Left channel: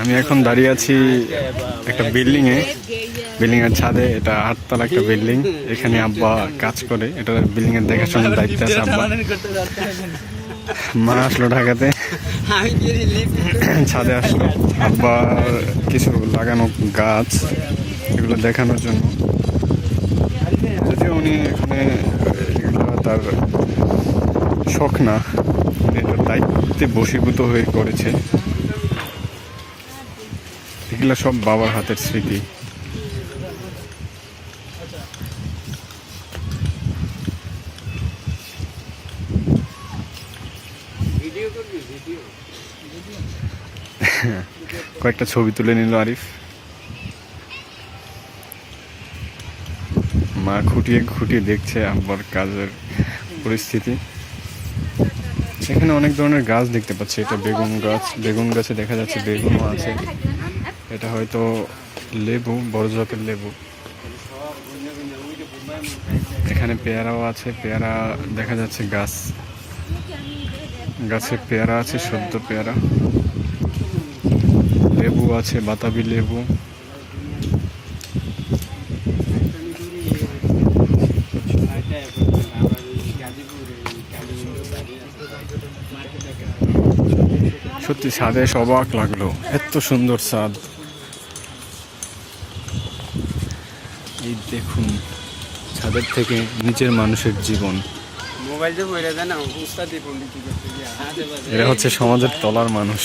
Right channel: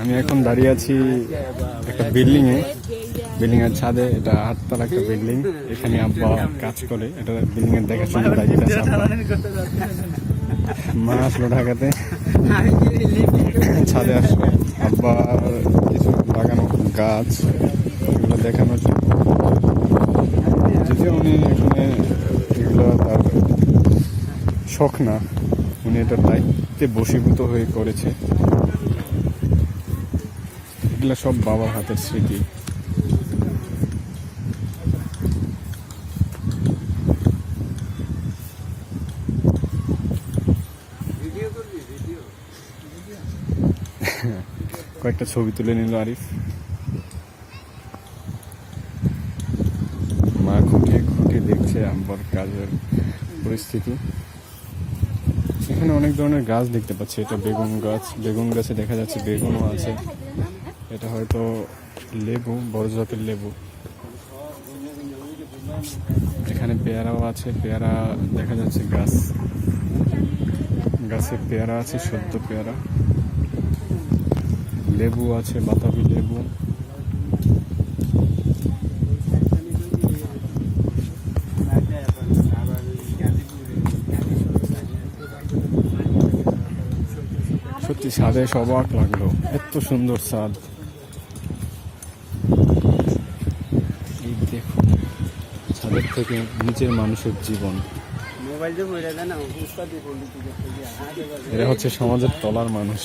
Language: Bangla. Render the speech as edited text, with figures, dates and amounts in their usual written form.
আমি এখন দাঁড়িয়ে আছি একটা বিল্ডিংয়ে, বিল্ডিংয়ের ছাদে। এটা 8 তলা একটা বিল্ডিং। এখানে আব্বা কাজ করে, এটা বিল্ডিংয়ের দেখাশোনার দায়িত্ব আছে আব্বা। মা আসলো ঢাকাতে, ছাদে আসলো আব্বার কিছু লাগানো গাছ এগুলো দেখানোর জন্য। যদিও উনি এখানে এগুলো তার শখ না, উনি এটার দায়িত্বে বশীভূত হয়ে করেছে। এগুলো সব বাবার হাতের স্মৃতি। কয়েকটা ছবি তুলে নিল আরিফ। মা খুঁটিয়ে খুঁটিয়ে দেখছে আব্বার কাজের পরিস্থিতি। এখানে অনেক ধরনের গাছ দেখতে পাচ্ছি। এটা বেগুন গাছ, বেগুন গাছে দেখা যাচ্ছে বেগুনও আছে। এটা হয়তো লেবু, বড় জাতের লেবু। এখানে পেয়ারাও আছে, পেয়ারা দেখা যাচ্ছে গাছ, গাছে পেয়ারা আছে, সদ্য পেয়ারা। লেবু আছে, বাতাবি লেবু। সত্যি ছাদে অবাক লাগলো, এত সুন্দর ছাদ। এই দেখুন ছাদের থেকে নিচের মানুষের জীবন। এরা হচ্ছে সমাজের তলার মানুষ।